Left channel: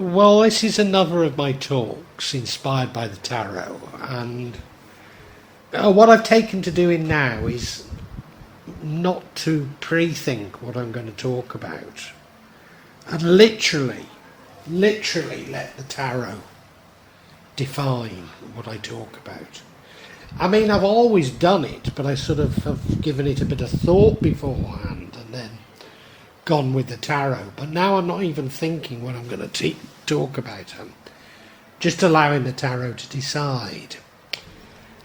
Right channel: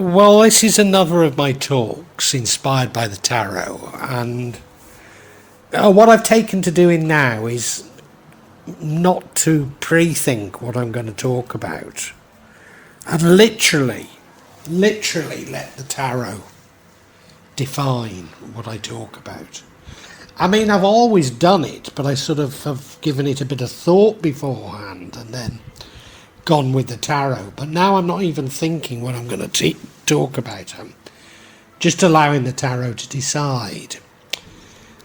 Well, this is another of my talks inspired by the tarot, and what I've taken to doing now is not to pre-think what I'm going to talk about, and literally let the tarot define what I talk about. I mean, I've always done it, but I sort of have given it a bit of thought beforehand and then gone with the tarot. But now I'm not even thinking what I'm going to talk about. I'm just allowing the tarot to decide.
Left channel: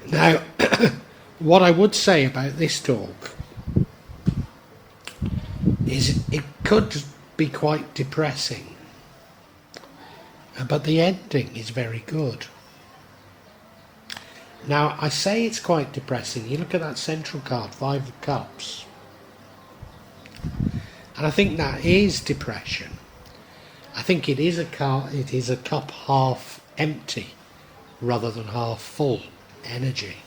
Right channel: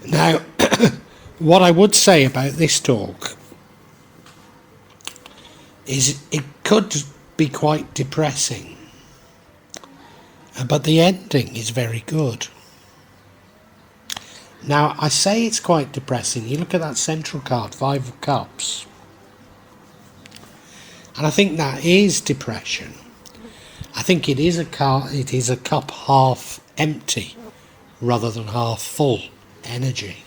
Now, what I would say about this talk is it could be quite depressing, but the ending is very good. Now, I say it's quite depressing. You look at that central card, Five of Cups, and I think that is depression. I think it is a cup half empty rather than half full energy.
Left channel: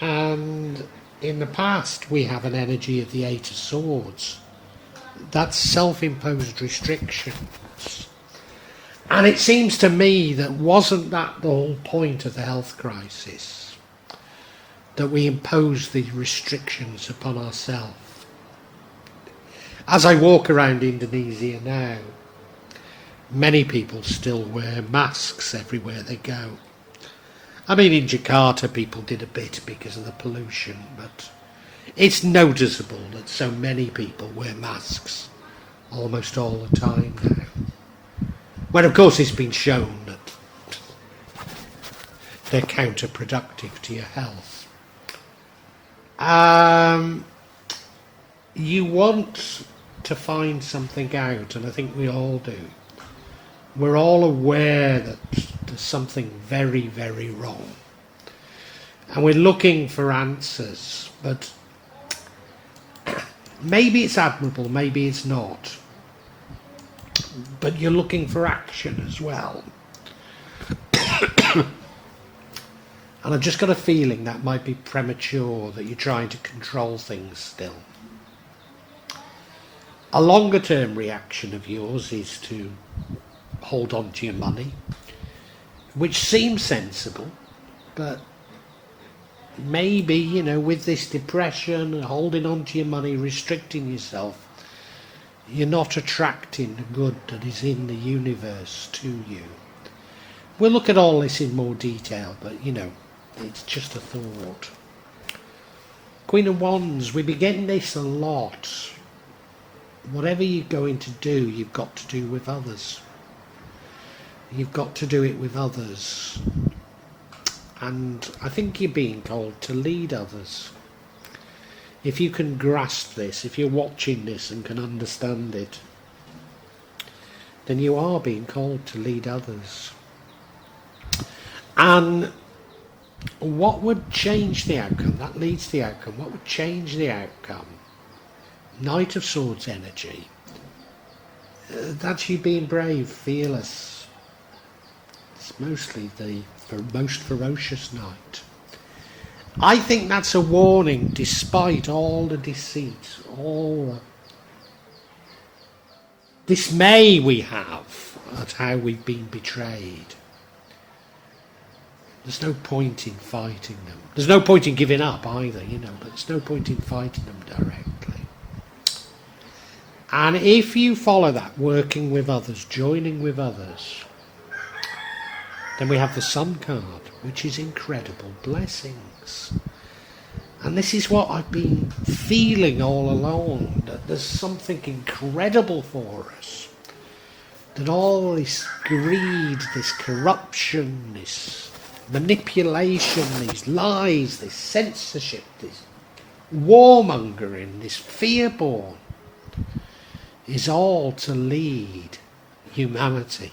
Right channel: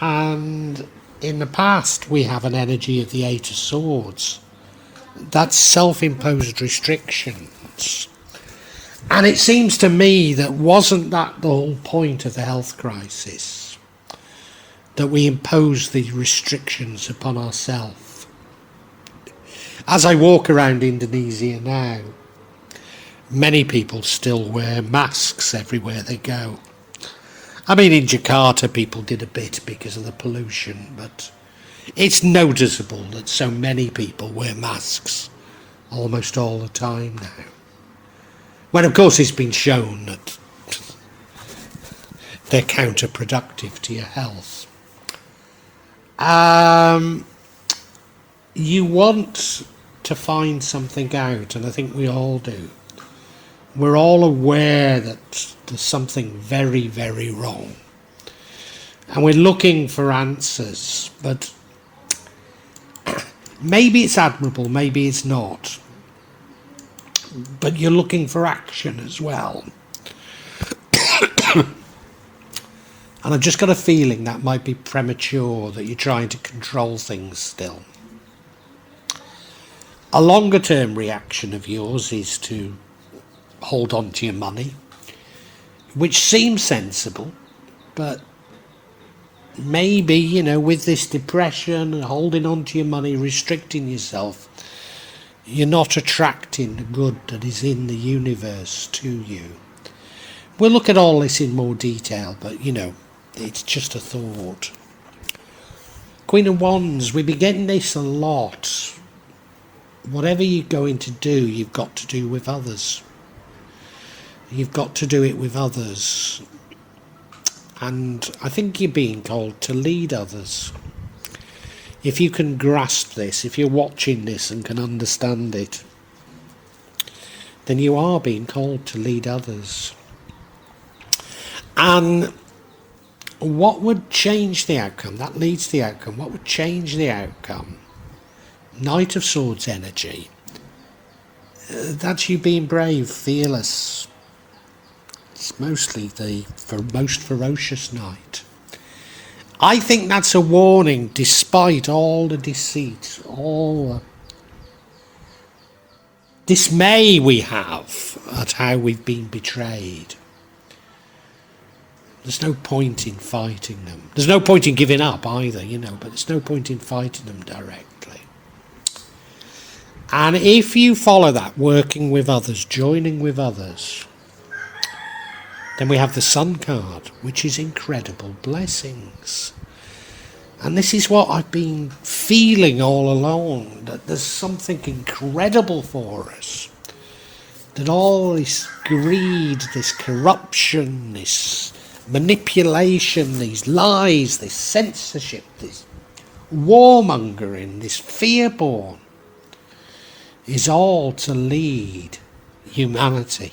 And in the past, we have an energy of the Eight of Swords. That's self-imposed restrictions. And it seems to me that wasn't that the whole point of the health crisis? That we impose these restrictions upon ourselves. As I walk around Indonesia now, many people still wear masks everywhere they go. I mean, in Jakarta people did a bit because of the pollution, but it's noticeable that so many people wear masks almost all the time now. Well, of course, it's been shown that they're counterproductive to your health. You want to find something out, and I think we all do. We're all aware that there's something very, very wrong. And we're looking for answers, but maybe it's admirable, maybe it's not. But you're looking for action as well. And I've just got a feeling that might be premature, that you're trying to control things still. A longer term reaction of yours is to hold on to your money, which seems sensible, but maybe, with this depression and holding on to your money, restricting yourself, you're not attracting the good that is in the universe to you. We'll look at all this in more detail, but it's just a thought. Queen of Wands, we've been getting this a lot. Whatever you're going to do, you've got to do with others. You've got to do it with others. And I think you're being called to lead others. If you can grasp this, if you're watching this and can understand it, then you are being called to lead others. And what would change the outcome? That leads to the outcome. What would change the outcome? Knight of Swords energy. That's you being brave, fearless. It's mostly the most ferocious knight. I think that's a warning, despite all the deceit, all the dismay we have at how we've been betrayed. There's no point in fighting them. There's no point in giving up either, but there's no point in fighting them directly. And if you follow that, working with others, joining with others, then we have the Sun card, which is incredible blessings. And this is what I've been feeling all along, that there's something incredible for us. That all this greed, this corruption, this manipulation, these lies, this censorship, this warmongering, this fear-born, is all to lead humanity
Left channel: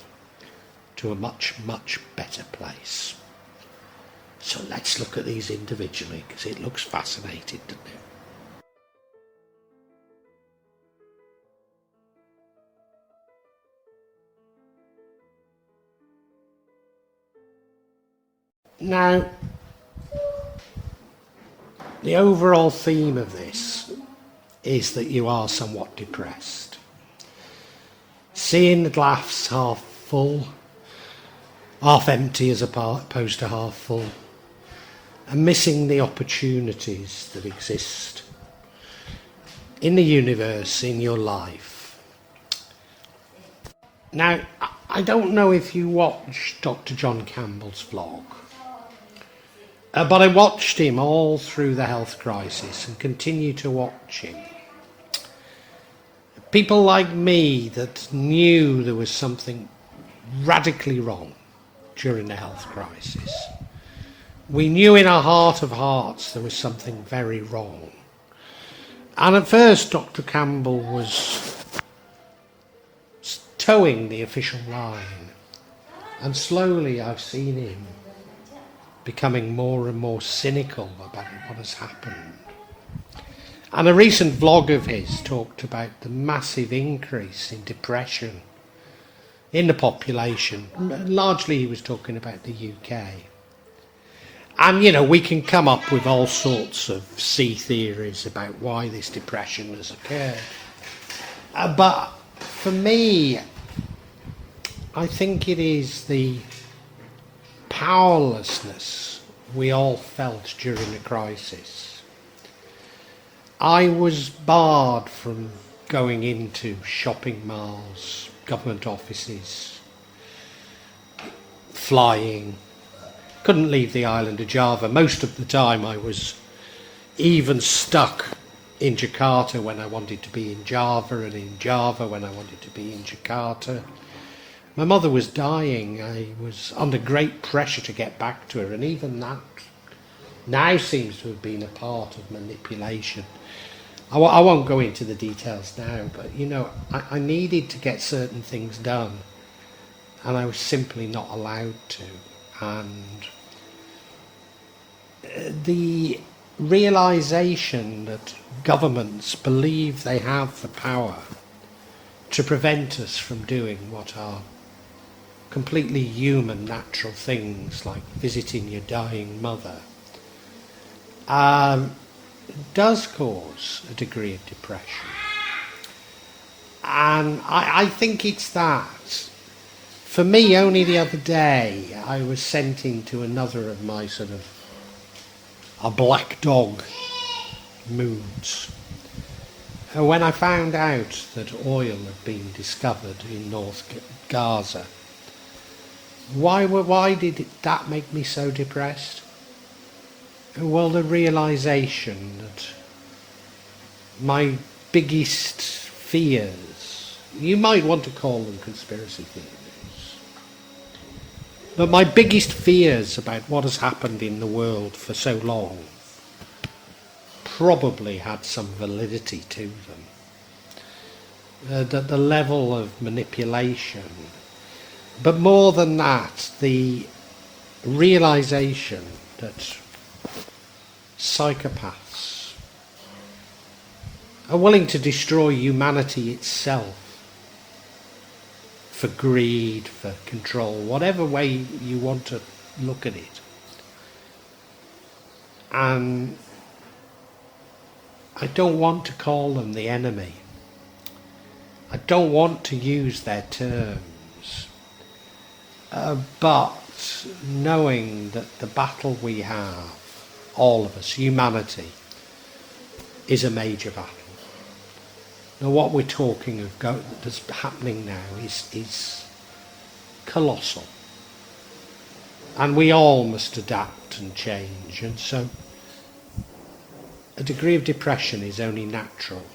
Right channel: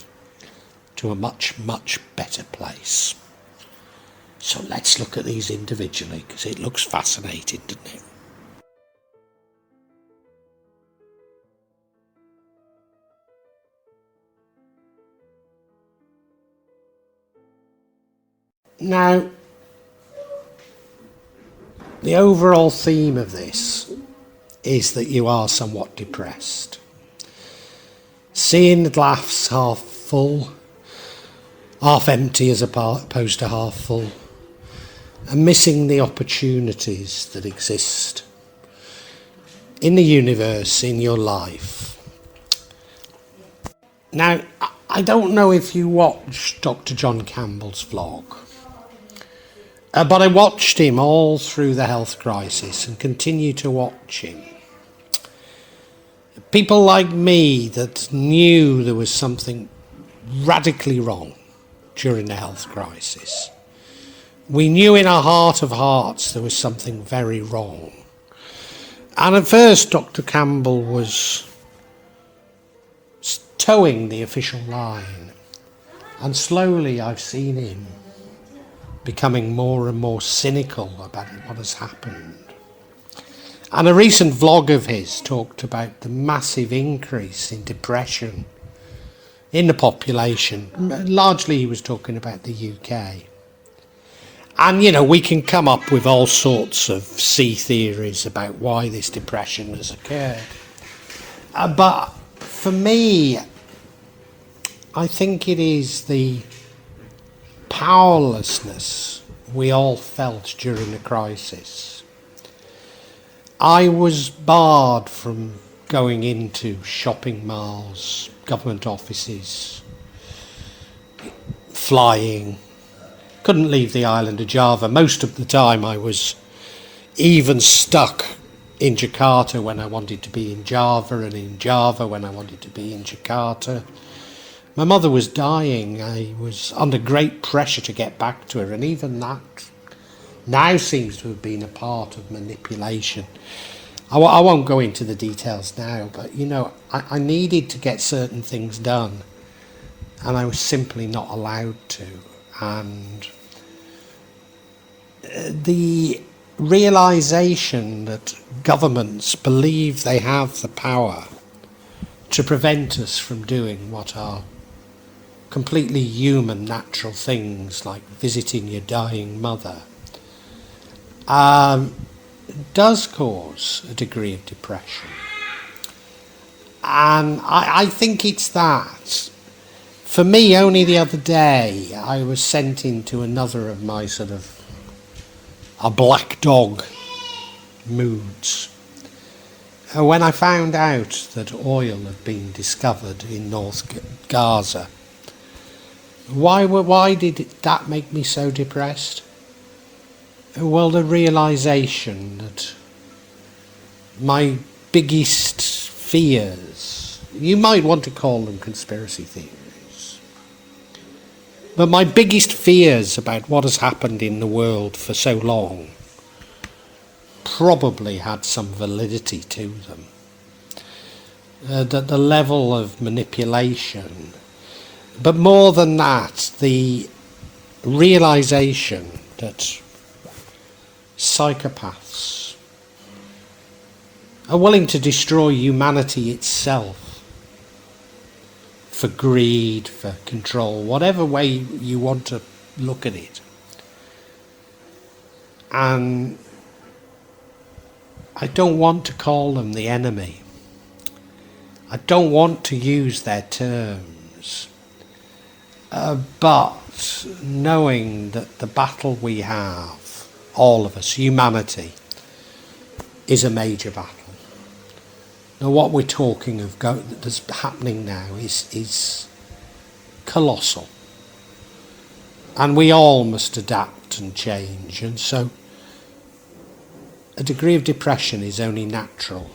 to a much, much better place. So let's look at these individually, because it looks fascinating, doesn't it? Now, the overall theme of this is that you are somewhat depressed. seeing the glass half full, half empty as opposed to half full, and missing the opportunities that exist in the universe, in your life. Now, I don't know if you watched Dr. John Campbell's vlog, but I watched him all through the health crisis and continue to watch him. People like me that knew there was something radically wrong during the health crisis. We knew in our heart of hearts there was something very wrong. And at first Dr. Campbell was towing the official line. And slowly I've seen him becoming more and more cynical about what has happened. And a recent vlog of his talked about the massive increase in depression in the population. Largely he was talking about the UK. And, you know, we can come up with all sorts of sea theories about why this depression has occurred. But for me, I think it is the powerlessness we all felt during the crisis. I was barred from going into shopping malls, government offices, flying. Couldn't leave the island of Java. Most of the time I was even stuck in Jakarta when I wanted to be in Java, and in Java when I wanted to be in Jakarta. My mother was dying. I was under great pressure to get back to her, and even that now seems to have been a part of manipulation. I won't go into the details now, but, you know, I needed to get certain things done, and I was simply not allowed to. And the realization that governments believe they have the power to prevent us from doing what are completely human, natural things like visiting your dying mother does cause a degree of depression. And I think it's that. For me, only the other day, I was sent into another of my sort of a black dog moods. When I found out that oil had been discovered in North Gaza, why did that make me so depressed? Well, the realisation that my biggest fears, you might want to call them conspiracy theories, but my biggest fears about what has happened in the world for so long probably had some validity to them. That the level of manipulation, but more than that, the realisation that psychopaths are willing to destroy humanity itself for greed, for control, whatever way you want to look at it. And I don't want to call them the enemy. I don't want to use their terms. But knowing that the battle we have, all of us, humanity, is a major battle. Now what we're talking of that's happening now is colossal. And we all must adapt and change, and so a degree of depression is only natural.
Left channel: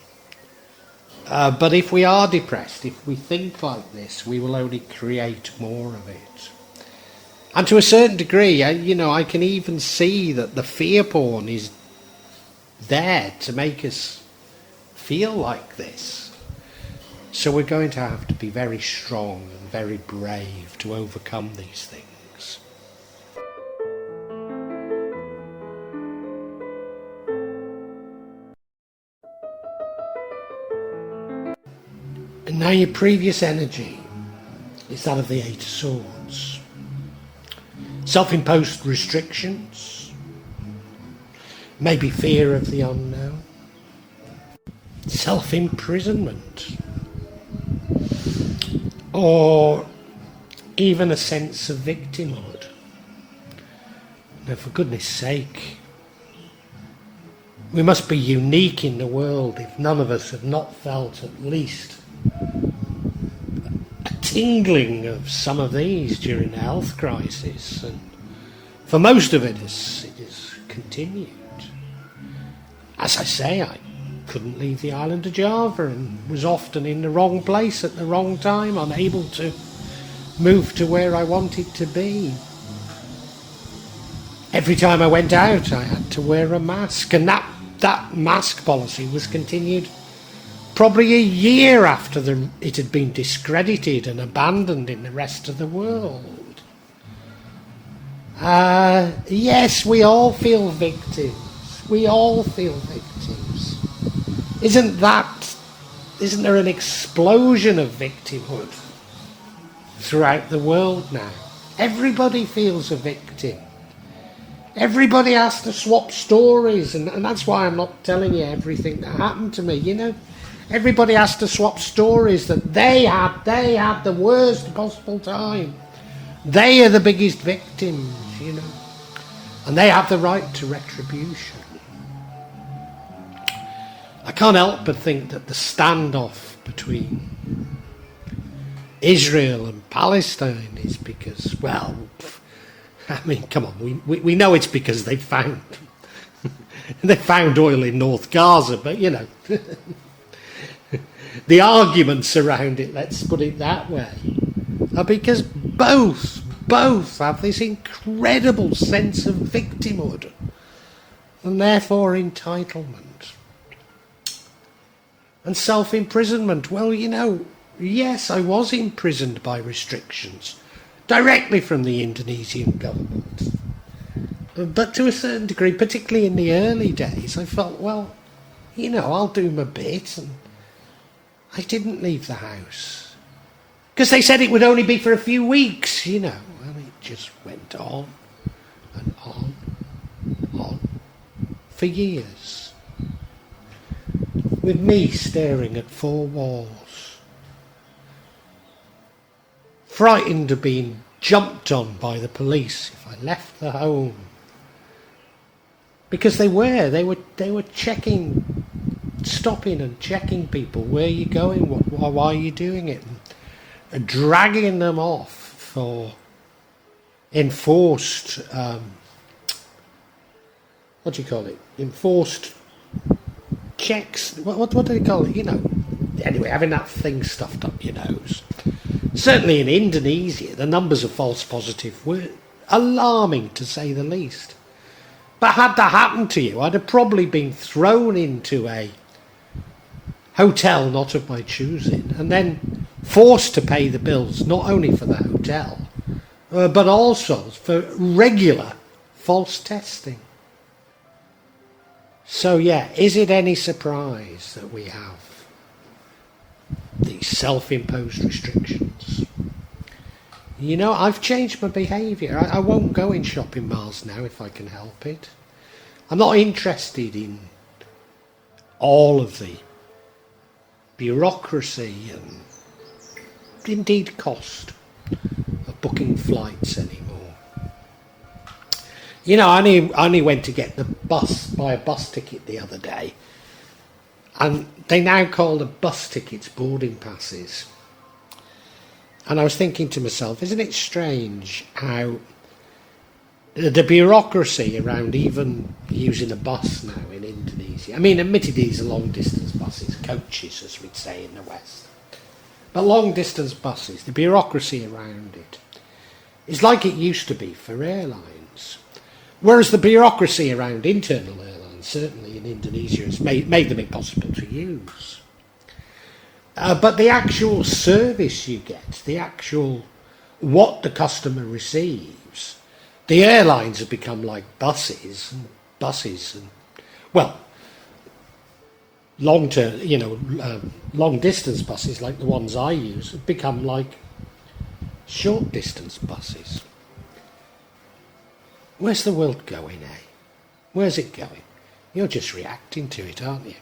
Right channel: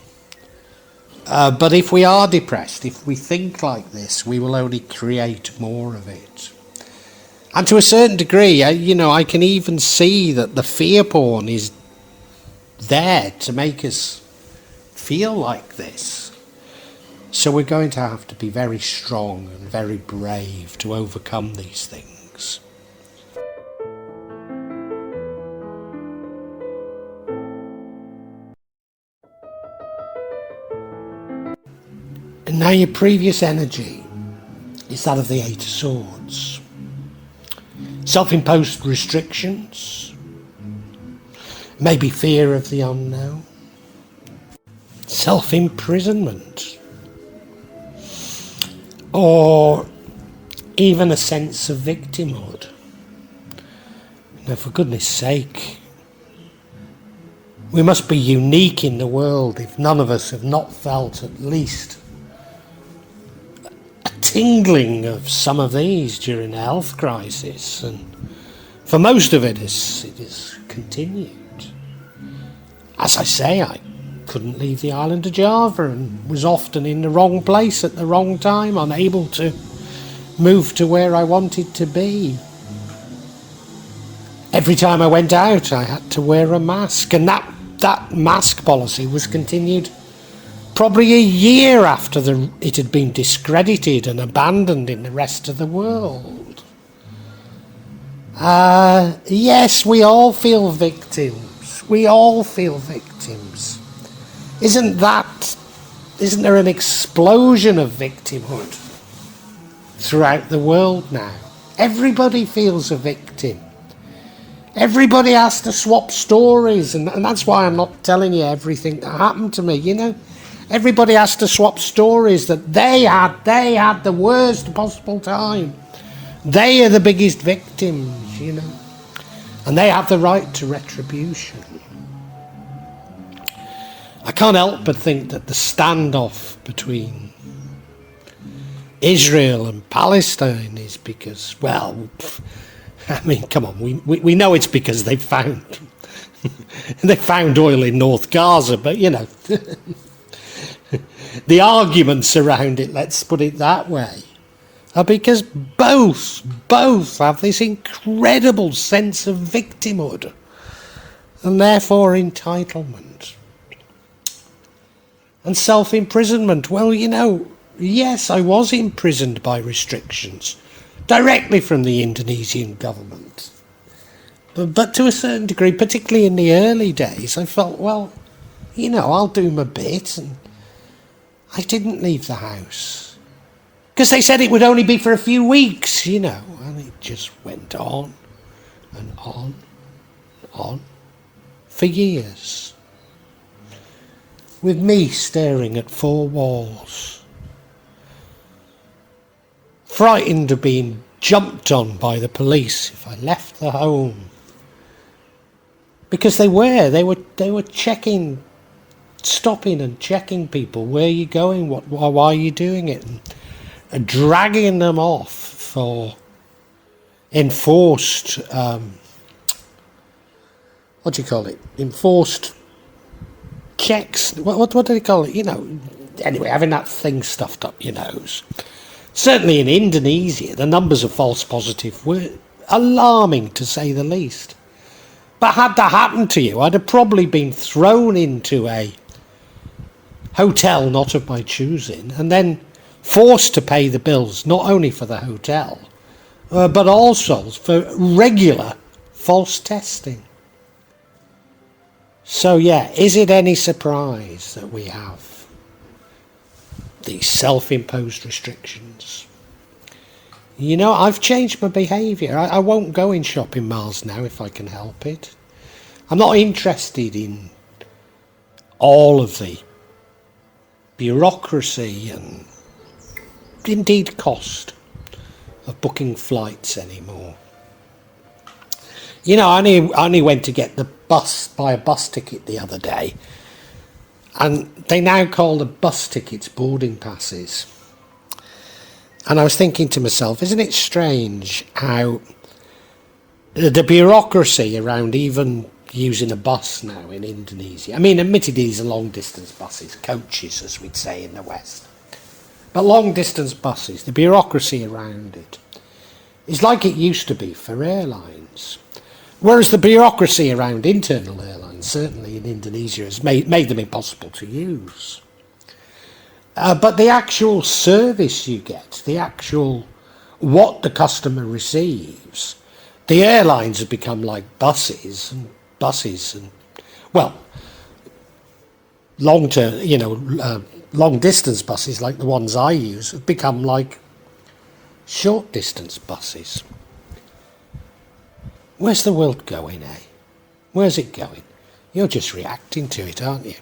But if we are depressed, if we think like this, we will only create more of it. And to a certain degree, I can even see that the fear porn is there to make us feel like this. So we're going to have to be very strong and very brave to overcome these things. And now your previous energy is that of the Eight of Swords. Self-imposed restrictions, maybe fear of the unknown, self-imprisonment. or even a sense of victimhood. Now, for goodness sake, we must be unique in the world if none of us have not felt at least a tingling of some of these during the health crisis, and for most of it is continued. As I say, I couldn't leave the island of Java and was often in the wrong place at the wrong time, unable to move to where I wanted to be. Every time I went out, I had to wear a mask, and that mask policy was continued probably a year after it had been discredited and abandoned in the rest of the world. Yes, we all feel victims. We all feel victims. Isn't there an explosion of victimhood throughout the world now? Everybody feels a victim. Everybody has to swap stories, and that's why I'm not telling you everything that happened to me, you know. Everybody has to swap stories that they had the worst possible time. They are the biggest victims, you know. And they have the right to retribution. I can't help but think that the standoff between Israel and Palestine is because, well, I mean, come on, we know it's because they found oil in North Gaza, but, you know, the arguments around it, let's put it that way, are because both have this incredible sense of victimhood and therefore entitlement. And self-imprisonment, well, you know, yes, I was imprisoned by restrictions directly from the Indonesian government. But to a certain degree, particularly in the early days, I felt, well, you know, I'll do my bit. And I didn't leave the house. Because they said it would only be for a few weeks, you know. And it just went on and on for years. With me staring at four walls. Frightened of being jumped on by the police if I left the home, because they were checking, stopping and checking people. Where are you going? Why are you doing it? And dragging them off for enforced what do you call it? Enforced checks. What do they call it? You know. Anyway, having that thing stuffed up your nose. Certainly in Indonesia, the numbers of false positives were alarming, to say the least. But had that happened to you, I'd have probably been thrown into a hotel not of my choosing, and then forced to pay the bills, not only for the hotel, but also for regular false testing. So yeah, is it any surprise that we have these self-imposed restrictions? You know, I've changed my behaviour. I won't go in shopping malls now if I can help it. I'm not interested in all of the bureaucracy and indeed cost of booking flights anymore. You know, I only went to get buy a bus ticket the other day, and they now call the bus tickets boarding passes. And I was thinking to myself, isn't it strange how the bureaucracy around even using a bus now in Indonesia, I mean, admittedly these are long distance buses, coaches as we'd say in the West, but long distance buses, the bureaucracy around it is like it used to be for airlines. Whereas the bureaucracy around internal airlines, certainly in Indonesia, has made them impossible to use. But the actual service you get, what the customer receives, the airlines have become like buses and well, long distance buses like the ones I use have become like short distance buses. Where's the world going, eh? Where's it going? You're just reacting to it, aren't you?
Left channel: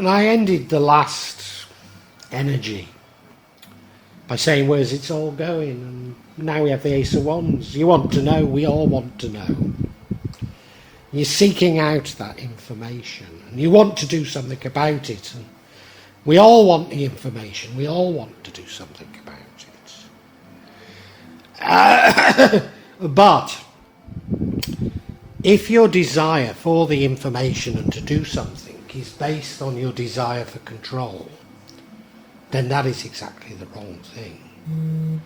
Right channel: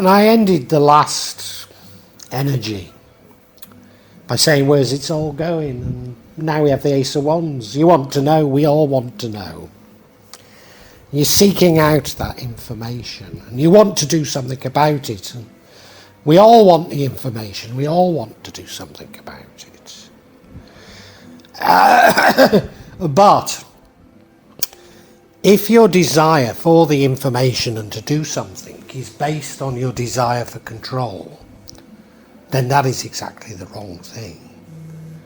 And I ended the last energy by saying, where's it all going? And now we have the Ace of Wands. You want to know, we all want to know. You're seeking out that information and you want to do something about it. And we all want the information. We all want to do something about it. But if your desire for the information and to do something is based on your desire for control, then that is exactly the wrong thing.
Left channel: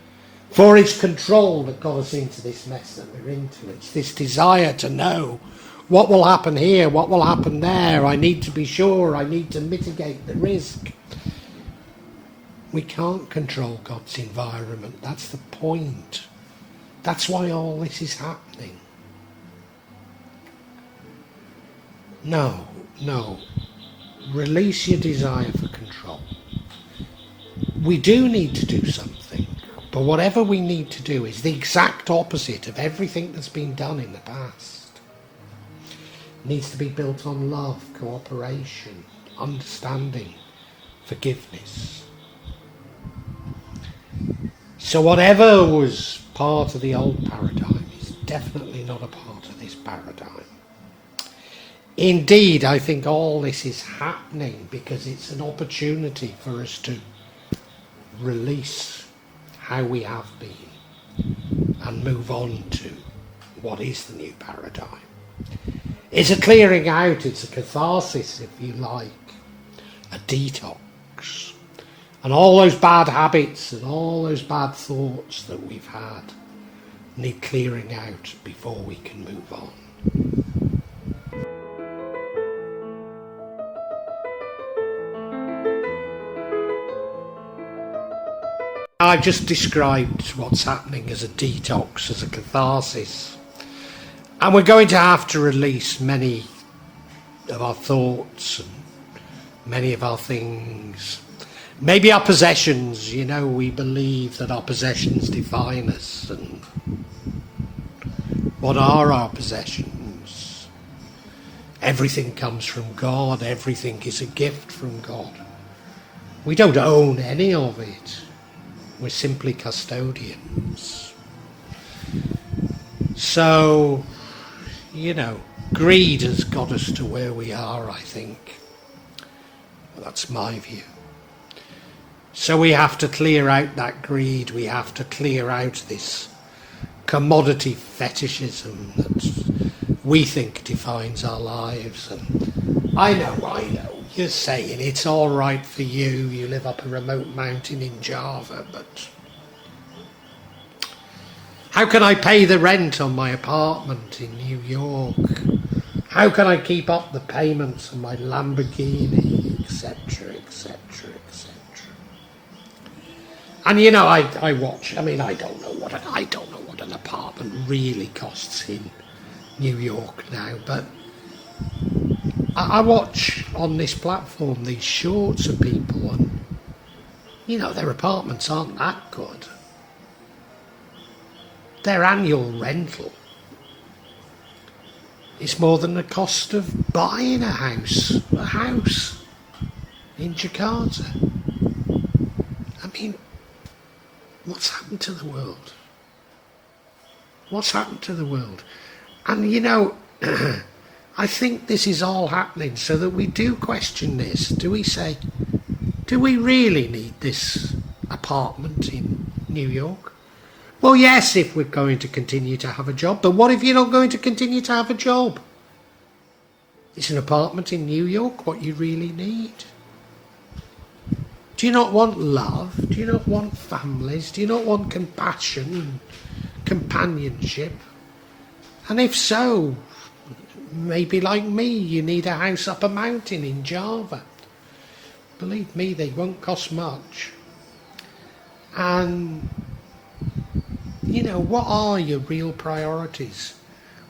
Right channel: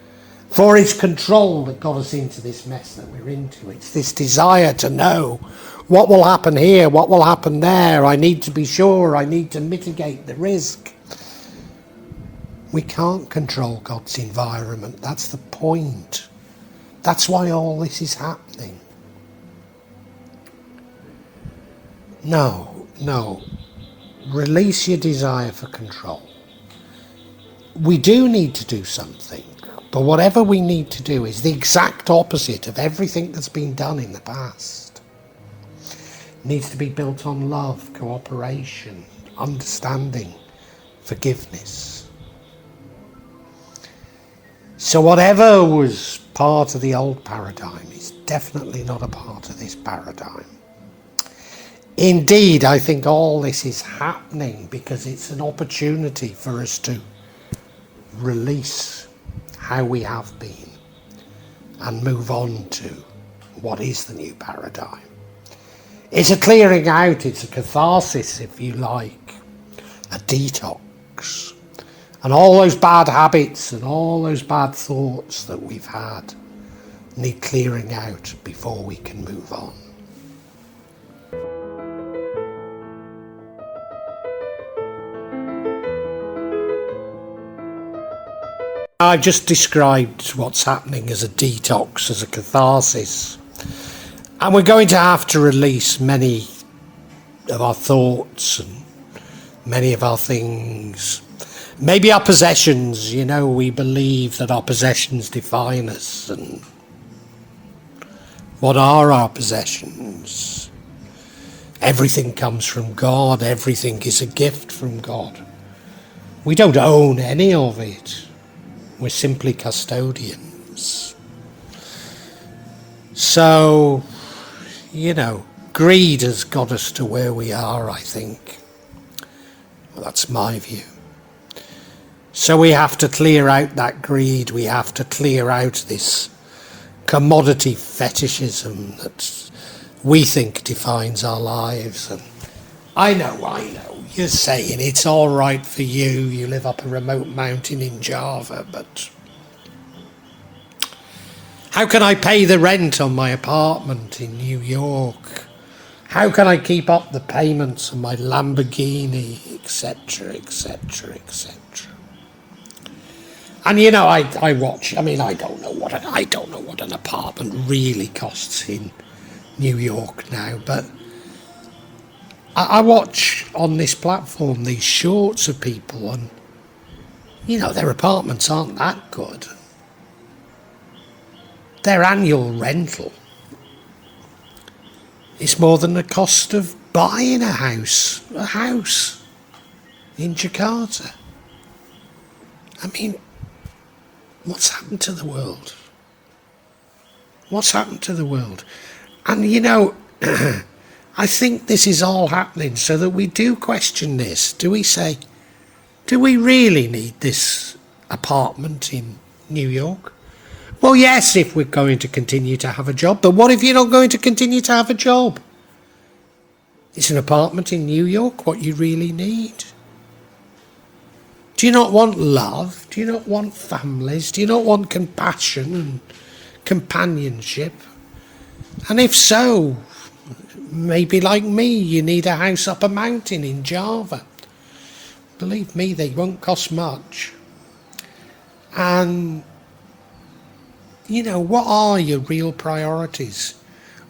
For it's control that got us into this mess that we're into. It's this desire to know what will happen here, what will happen there. I need to be sure, I need to mitigate the risk. We can't control God's environment. That's the point. That's why all this is happening. No. Release your desire for control. We do need to do something, but whatever we need to do is the exact opposite of everything that's been done in the past. It needs to be built on love, cooperation, understanding, forgiveness. So whatever was part of the old paradigm is definitely not a part of this paradigm. Indeed, I think all this is happening because it's an opportunity for us to release how we have been and move on to what is the new paradigm. It's a clearing out, it's a catharsis, if you like, a detox. And all those bad habits and all those bad thoughts that we've had need clearing out before we can move on. I've just described what's happening as a detox, as a catharsis. And we're going to have to release many of our thoughts and many of our things. Maybe our possessions, we believe that our possessions define us. And what are our possessions? Everything comes from God. Everything is a gift from God. We don't own any of it. We're simply custodians. So, greed has got us to where we are, I think. Well, that's my view. So we have to clear out that greed. We have to clear out this commodity fetishism that we think defines our lives. And I know. You're saying it's all right for you. You live up a remote mountain in Java, but how can I pay the rent on my apartment in New York? How can I keep up the payments on my Lamborghini, etc., etc., etc.? And I watch. I don't know what an apartment really costs in New York now, but I watch on this platform these shorts of people, and their apartments aren't that good. Their annual rental is more than the cost of buying a house in Jakarta. What's happened to the world? What's happened to the world? And I think this is all happening so that we do question this. Do we say, do we really need this apartment in New York? Well, yes, if we're going to continue to have a job. But what if you're not going to continue to have a job? Is an apartment in New York what you really need? Do you not want love? Do you not want families? Do you not want compassion and companionship? And if so, maybe like me, you need a house up a mountain in Java. Believe me, they won't cost much. And, what are your real priorities?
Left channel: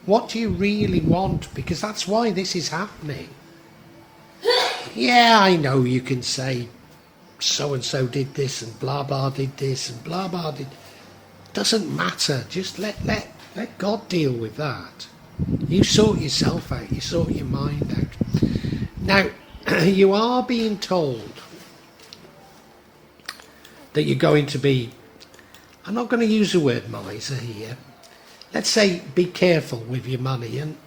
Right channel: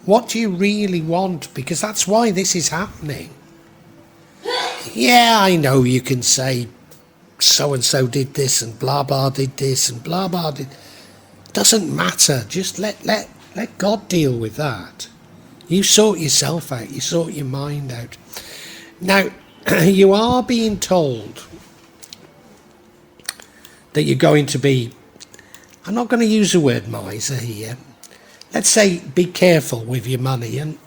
What do you really want? Because that's why this is happening. Yeah, I know you can say, so-and-so did this and blah-blah did this and blah-blah did... Doesn't matter. Just let God deal with that. You sort yourself out. You sort your mind out. Now, you are being told that you're going to be, I'm not going to use the word miser here, let's say be careful with your money. And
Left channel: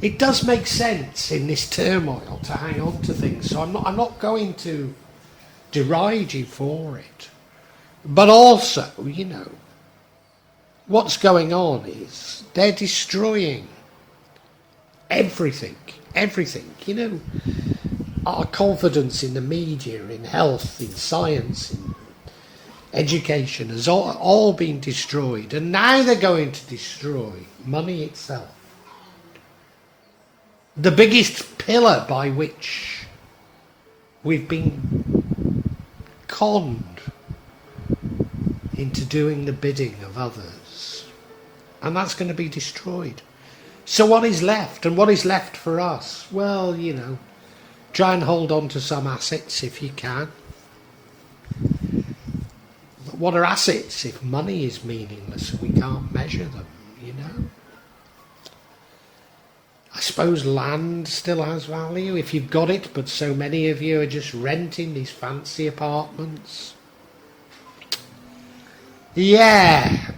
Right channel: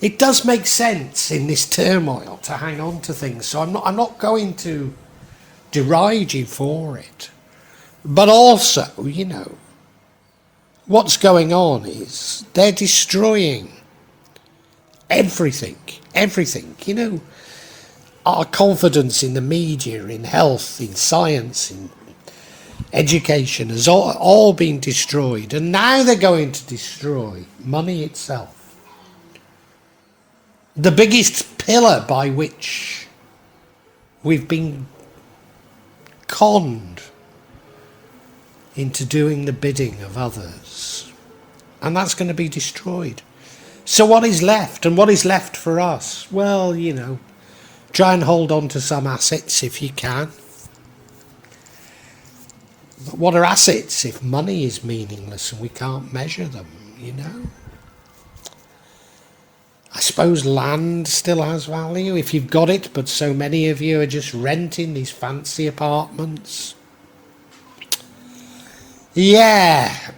it does make sense in this turmoil to hang on to things, so I'm not going to deride you for it. But also, you know, what's going on is they're destroying everything, you know. Our confidence in the media, in health, in science, in education has all been destroyed. And now they're going to destroy money itself. The biggest pillar by which we've been conned into doing the bidding of others. And that's going to be destroyed. So what is left? And what is left for us? Well, you know, try and hold on to some assets if you can. But what are assets if money is meaningless and we can't measure them, you know? I suppose land still has value if you've got it, but so many of you are just renting these fancy apartments. Yeah,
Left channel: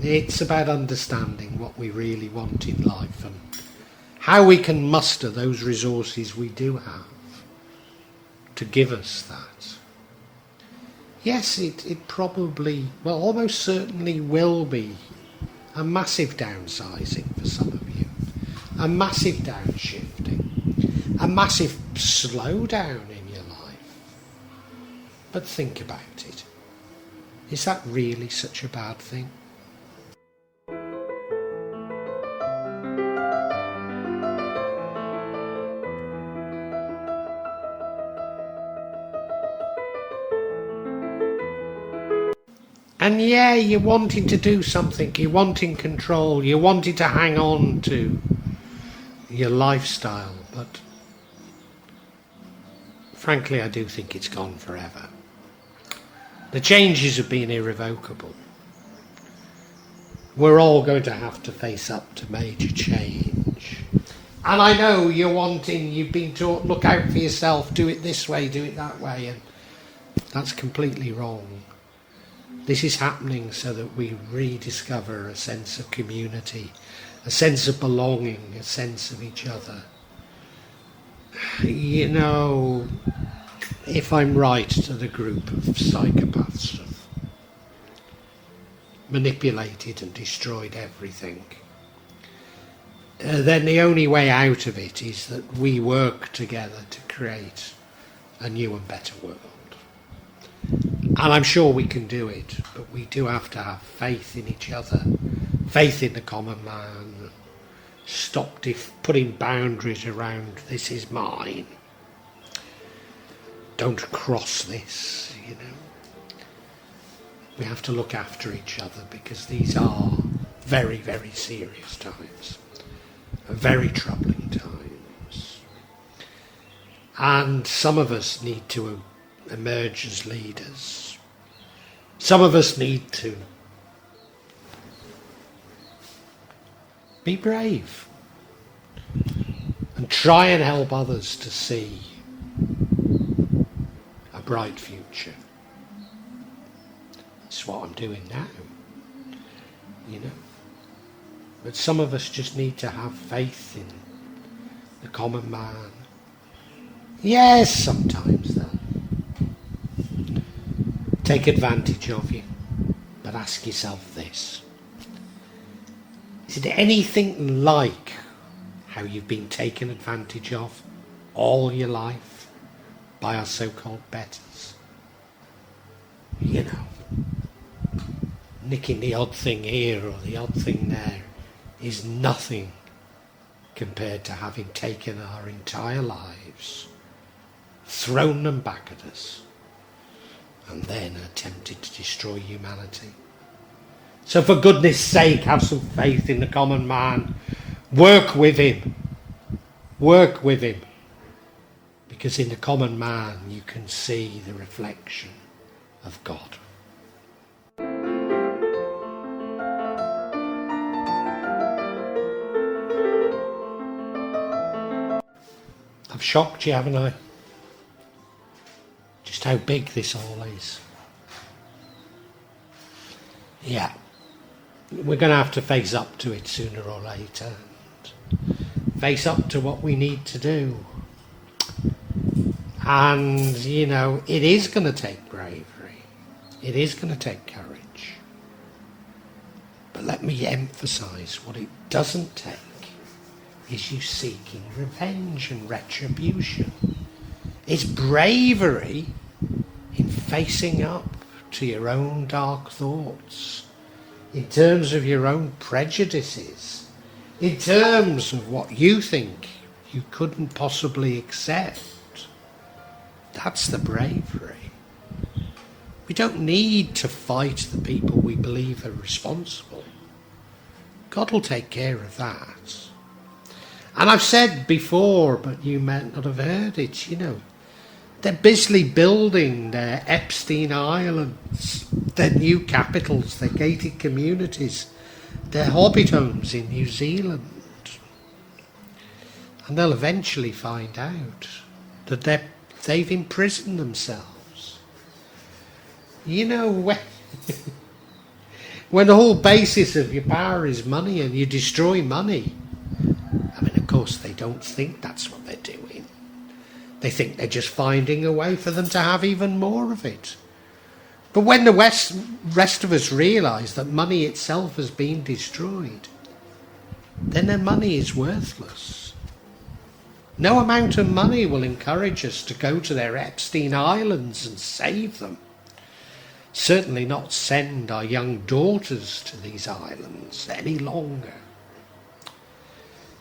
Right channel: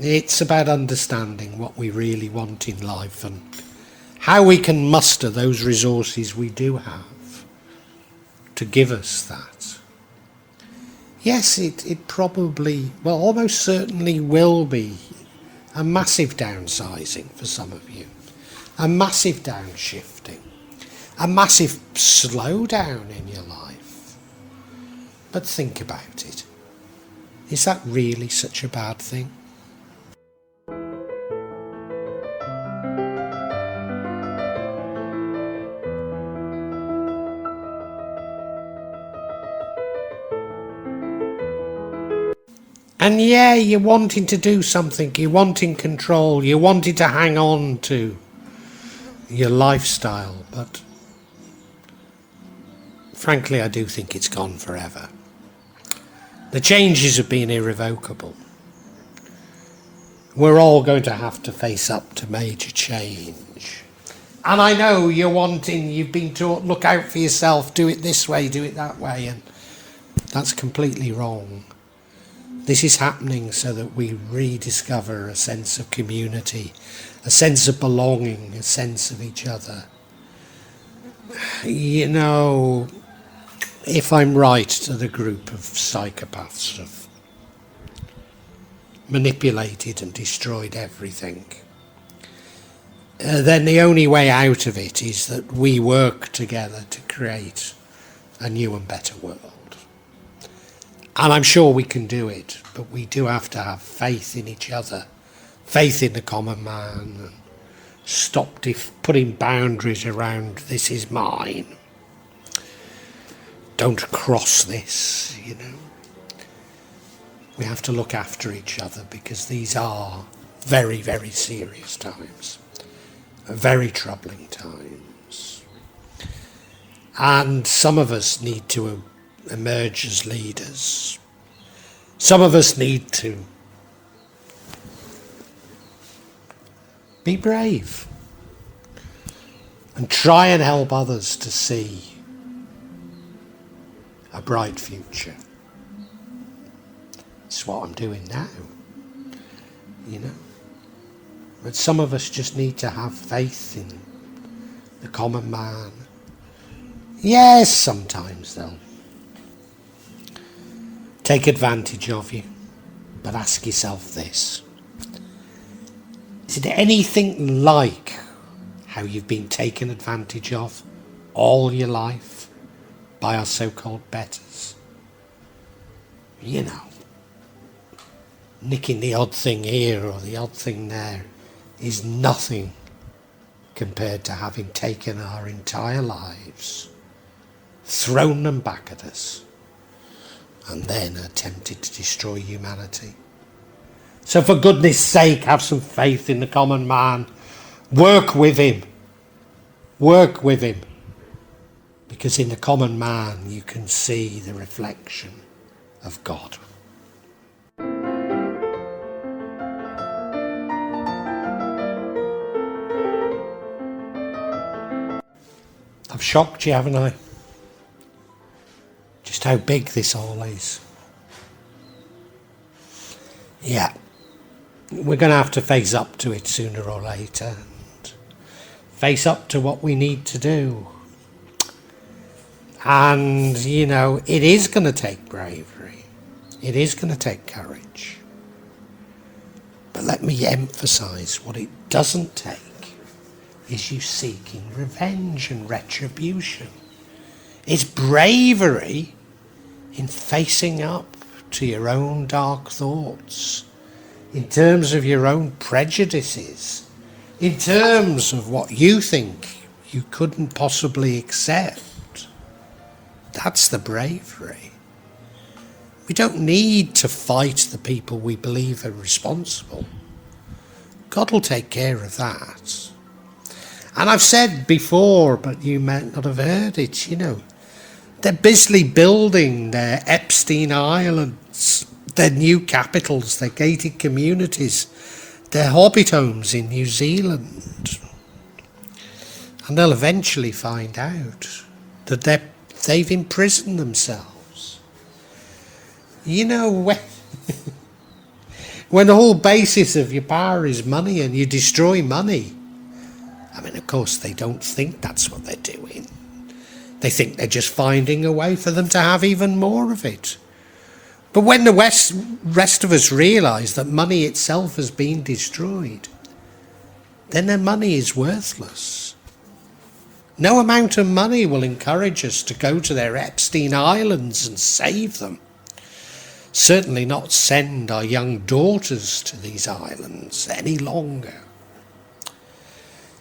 it's about understanding what we really want in life and how we can muster those resources we do have to give us that. Yes, it probably, well, almost certainly will be a massive downsizing for some of you, a massive downshifting, a massive slowdown in your life. But think about it. Is that really such a bad thing? And yeah, you're wanting to do something, you're wanting control, you're wanting to hang on to your lifestyle, but frankly I do think it's gone forever. The changes have been irrevocable. We're all going to have to face up to major change. And I know you've been taught, look out for yourself, do it this way, do it that way, and that's completely wrong. This is happening so that we rediscover a sense of community, a sense of belonging, a sense of each other. You know, if I'm right to the group of psychopaths have manipulated and destroyed everything, then the only way out of it is that we work together to create a new and better world. And I'm sure we can do it, but we do have to have faith in each other, faith in the common man, stop putting boundaries around this is mine, don't cross this, you know. We have to look after each other because these are very, very serious times, very troubling times. And some of us need to emerge as leaders. Some of us need to be brave and try and help others to see a bright future. It's what I'm doing now, you know. But some of us just need to have faith in the common man. Yes, sometimes they'll take advantage of you, but ask yourself this. Is it anything like how you've been taken advantage of all your life by our so-called betters? You know, nicking the odd thing here or the odd thing there is nothing compared to having taken our entire lives, thrown them back at us, and then attempted to destroy humanity. So for goodness sake, have some faith in the common man. Work with him. Work with him. Because in the common man you can see the reflection of God. I've shocked you, haven't I? Just how big this all is. Yeah. We're going to have to face up to it sooner or later. Face up to what we need to do. And, you know, it is going to take bravery. It is going to take courage. But let me emphasise, what it doesn't take is you seeking revenge and retribution. It's bravery in facing up to your own dark thoughts, in terms of your own prejudices, in terms of what you think you couldn't possibly accept. That's the bravery. We don't need to fight the people we believe are responsible. God will take care of that. And I've said before, but you might not have heard it, you know, they're busily building their Epstein Islands, their new capitals, their gated communities, their hobbit homes in New Zealand. And they'll eventually find out that they've imprisoned themselves. You know, when the whole basis of your power is money and you destroy money, I mean, of course, they don't think that's what they're doing. They think they're just finding a way for them to have even more of it. But when the rest of us realise that money itself has been destroyed, then their money is worthless. No amount of money will encourage us to go to their Epstein Islands and save them. Certainly not send our young daughters to these islands any longer.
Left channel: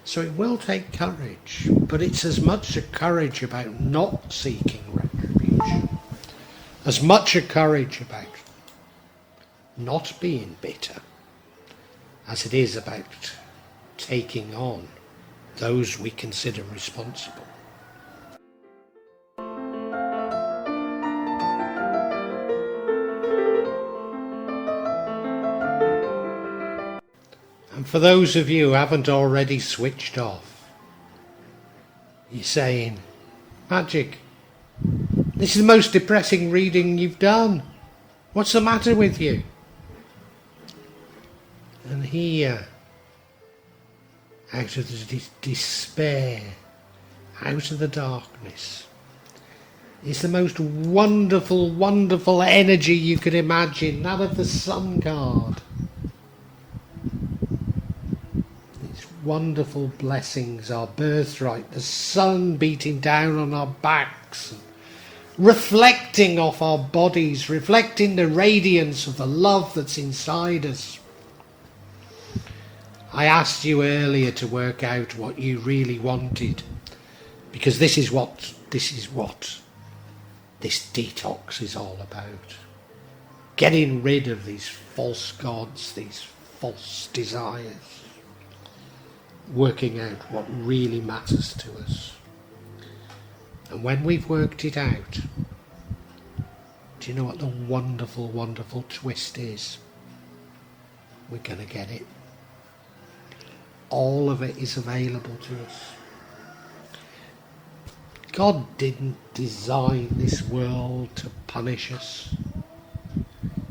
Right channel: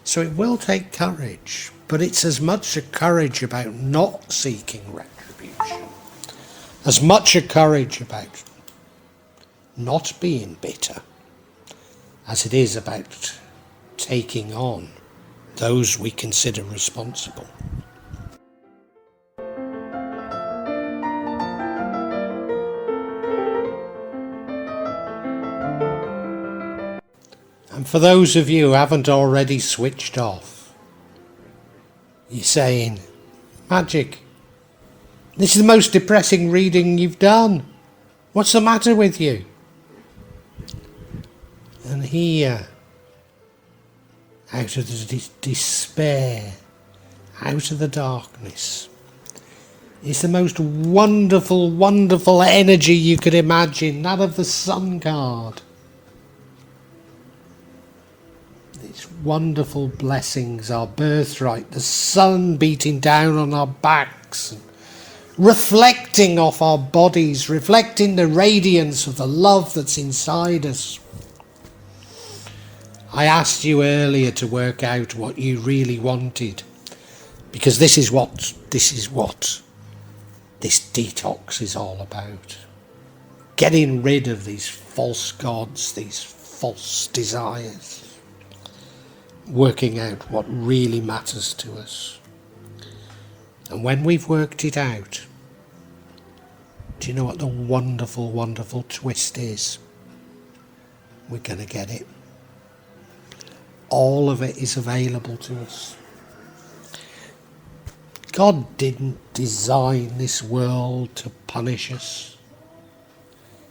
So it will take courage, but it's as much a courage about not seeking retribution, as much a courage about not being bitter, as it is about taking on those we consider responsible. And for those of you who haven't already switched off, you're saying, Magic, this is the most depressing reading you've done. What's the matter with you? And here, out of the despair, out of the darkness, is the most wonderful, wonderful energy you could imagine, that of the Sun card. Wonderful blessings, our birthright, the sun beating down on our backs, reflecting off our bodies, reflecting the radiance of the love that's inside us. I asked you earlier to work out what you really wanted, because this is what this detox is all about. Getting rid of these false gods, these false desires. Working out what really matters to us. And when we've worked it out, do you know what the wonderful, wonderful twist is? We're going to get it. All of it is available to us. God didn't design this world to punish us.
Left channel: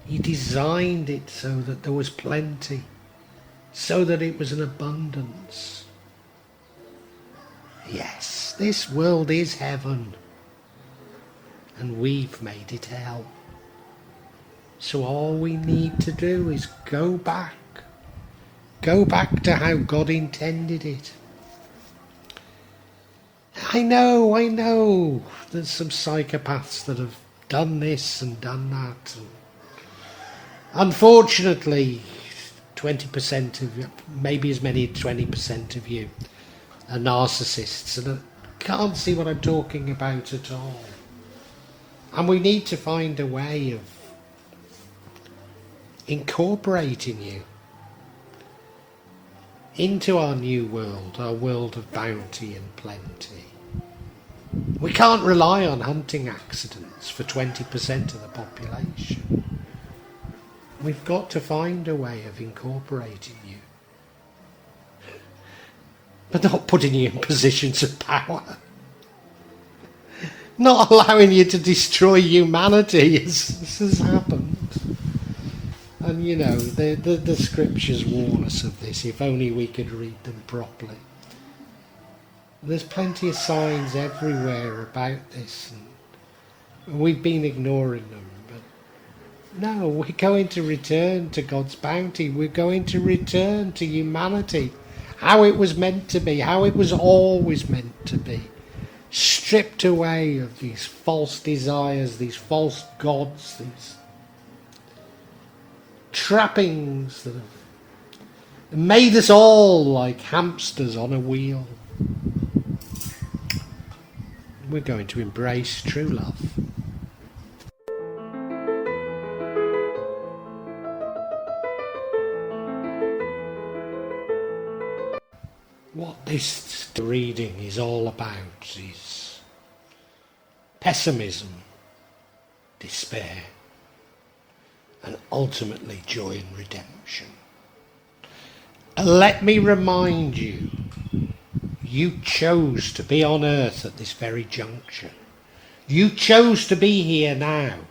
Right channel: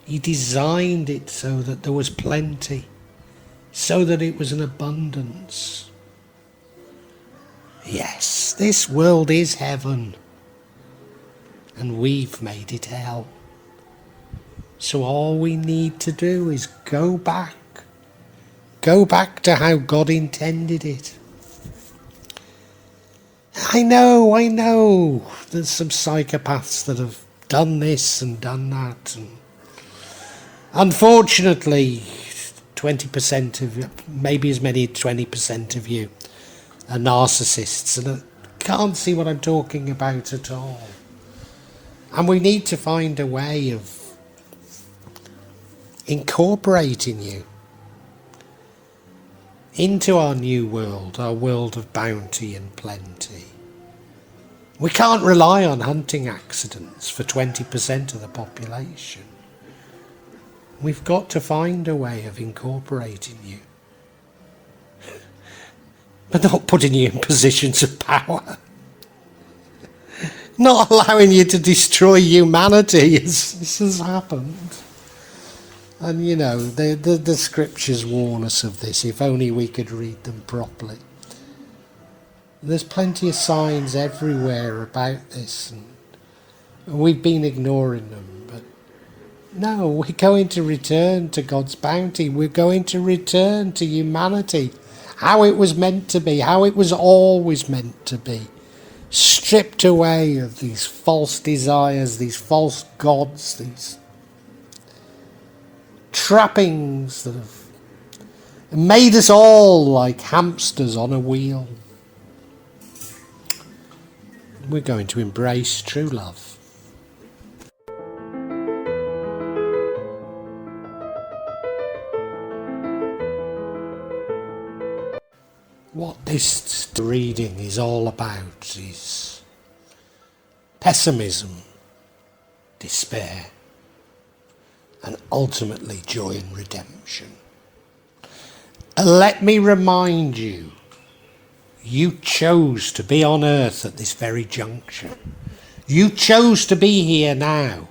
He designed it so that there was plenty. So that it was an abundance. Yes, this world is heaven, and we've made it hell. So all we need to do is go back to how God intended it. I know, there's some psychopaths that have done this and done that, and unfortunately, 20% of you, maybe as many as 20% of you are narcissists, and I can't see what I'm talking about at all. And we need to find a way of incorporating you into our new world, our world of bounty and plenty. We can't rely on hunting accidents for 20% of the population. We've got to find a way of incorporating you, but not putting you in positions of power. not allowing you to destroy humanity has happened. And you know, the scriptures warn us of this, if only we could read them properly. There's plenty of signs everywhere about this, and we've been ignoring them. But no, we're going to return to God's bounty. We're going to return to humanity, how it was meant to be, how it was always meant to be. Stripped away of these false desires, these false gods, these trappings that have made us all like hamsters on a wheel. We're going to embrace true love. What this reading is all about is pessimism, despair, and ultimately joy and redemption. Let me remind you, you chose to be on earth at this very juncture. You chose to be here now.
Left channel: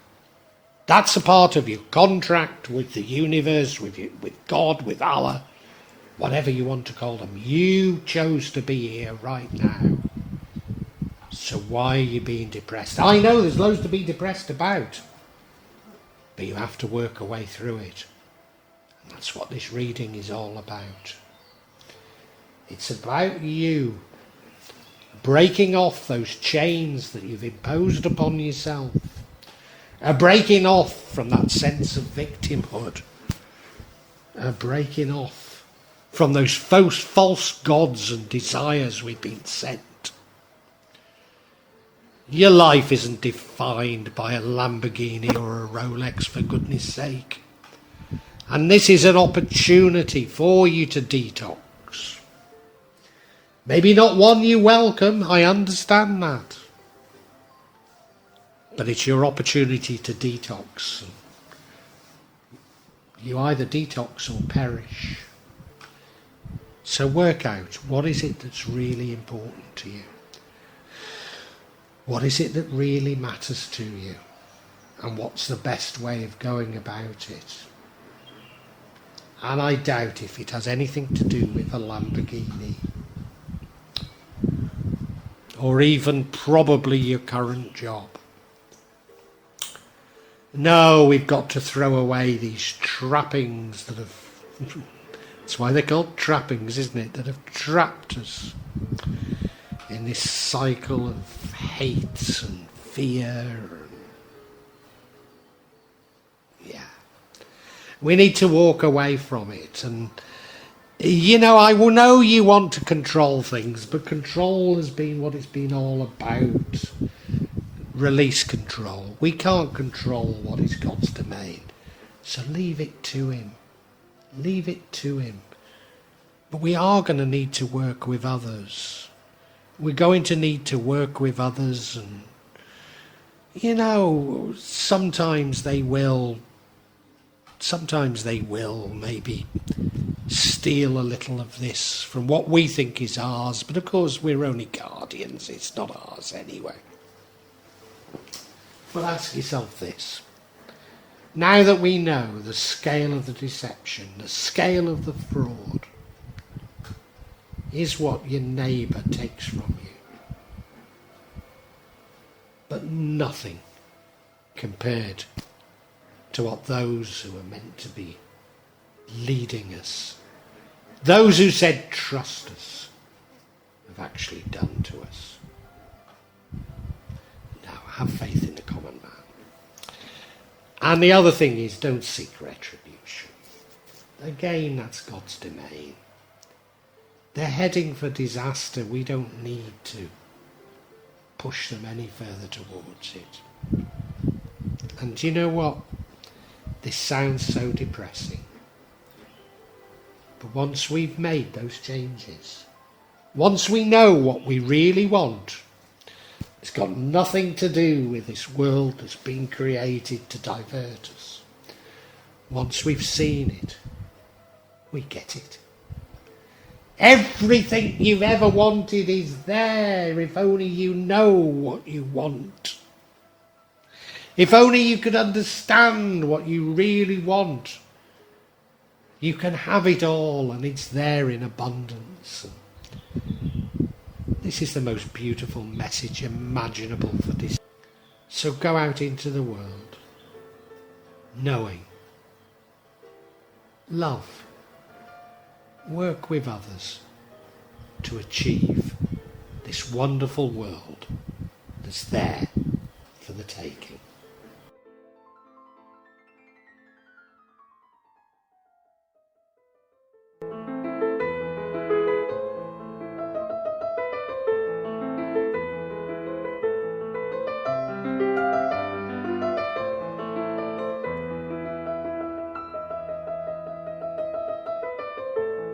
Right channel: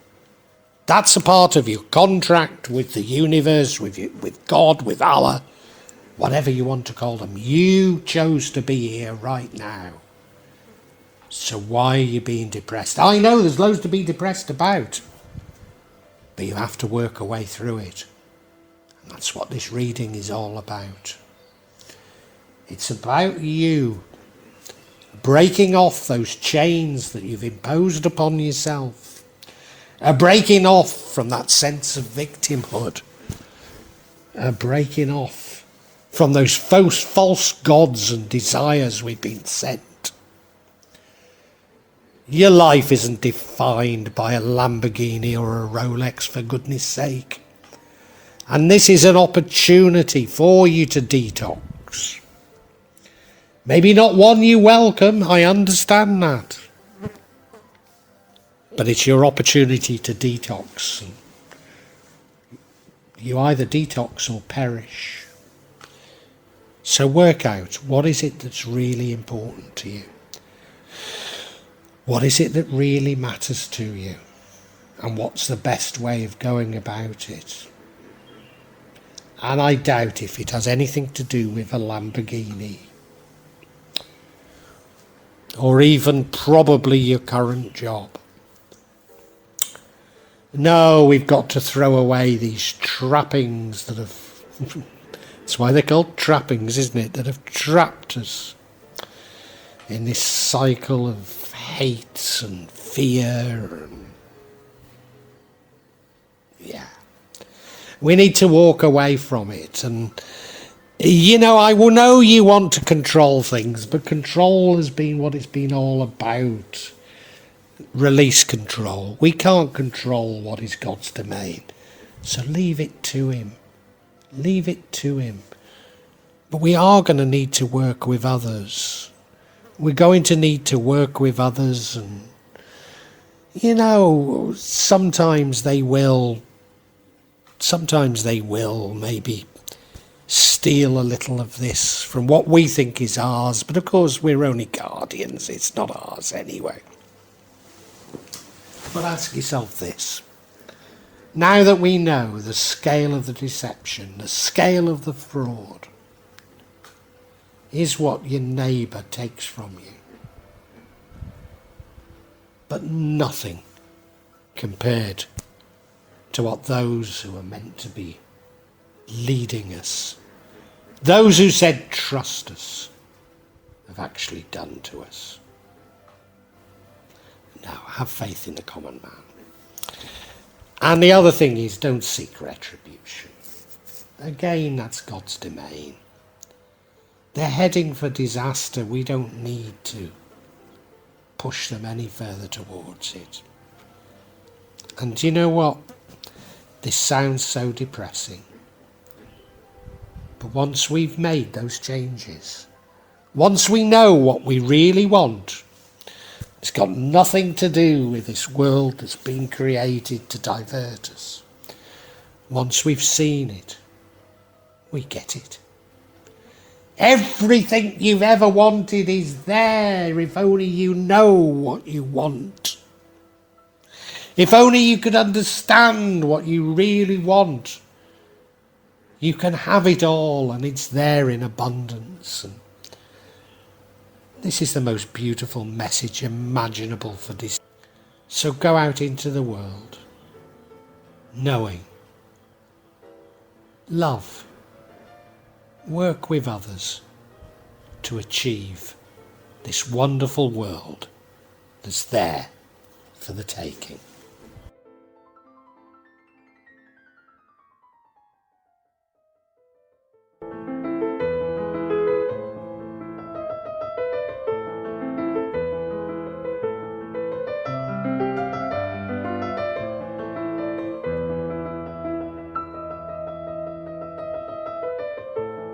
That's a part of your contract with the universe, with God, with Allah, whatever you want to call them. You chose to be here right now. So why are you being depressed? I know there's loads to be depressed about, but you have to work a way through it. And that's what this reading is all about. It's about you breaking off those chains that you've imposed upon yourself. Breaking off from that sense of victimhood. Breaking off from those false gods and desires we've been sent. Your life isn't defined by a Lamborghini or a Rolex, for goodness sake. And this is an opportunity for you to detox. Maybe not one you welcome, I understand that. But it's your opportunity to detox. You either detox or perish. So work out, what is it that's really important to you? What is it that really matters to you? And what's the best way of going about it? And I doubt if it has anything to do with a Lamborghini. Or even probably your current job. No, we've got to throw away these trappings that have... That's why they're called trappings, isn't it? That have trapped us in this cycle of hate and fear. And yeah. We need to walk away from it. And, you know, I will know you want to control things, but control has been what it's been all about. Release control. We can't control what is God's domain. So leave it to him. Leave it to him. But we are going to need to work with others. We're going to need to work with others, and you know, sometimes they will maybe steal a little of this from what we think is ours, but of course we're only guardians, it's not ours anyway. But ask yourself this. Now that we know the scale of the deception, the scale of the fraud, is what your neighbour takes from you. But nothing compared to what those who are meant to be leading us, those who said trust us, have actually done to us. Now, have faith in the common man. And the other thing is, don't seek retribution. Again, that's God's domain. They're heading for disaster. We don't need to push them any further towards it. And you know what? This sounds so depressing. But once we've made those changes, once we know what we really want, it's got nothing to do with this world that's been created to divert us. Once we've seen it, we get it. Everything you've ever wanted is there if only you know what you want. If only you could understand what you really want. You can have it all and it's there in abundance. And this is the most beautiful message imaginable for this. So go out into the world knowing, love, work with others to achieve this wonderful world that's there for the taking.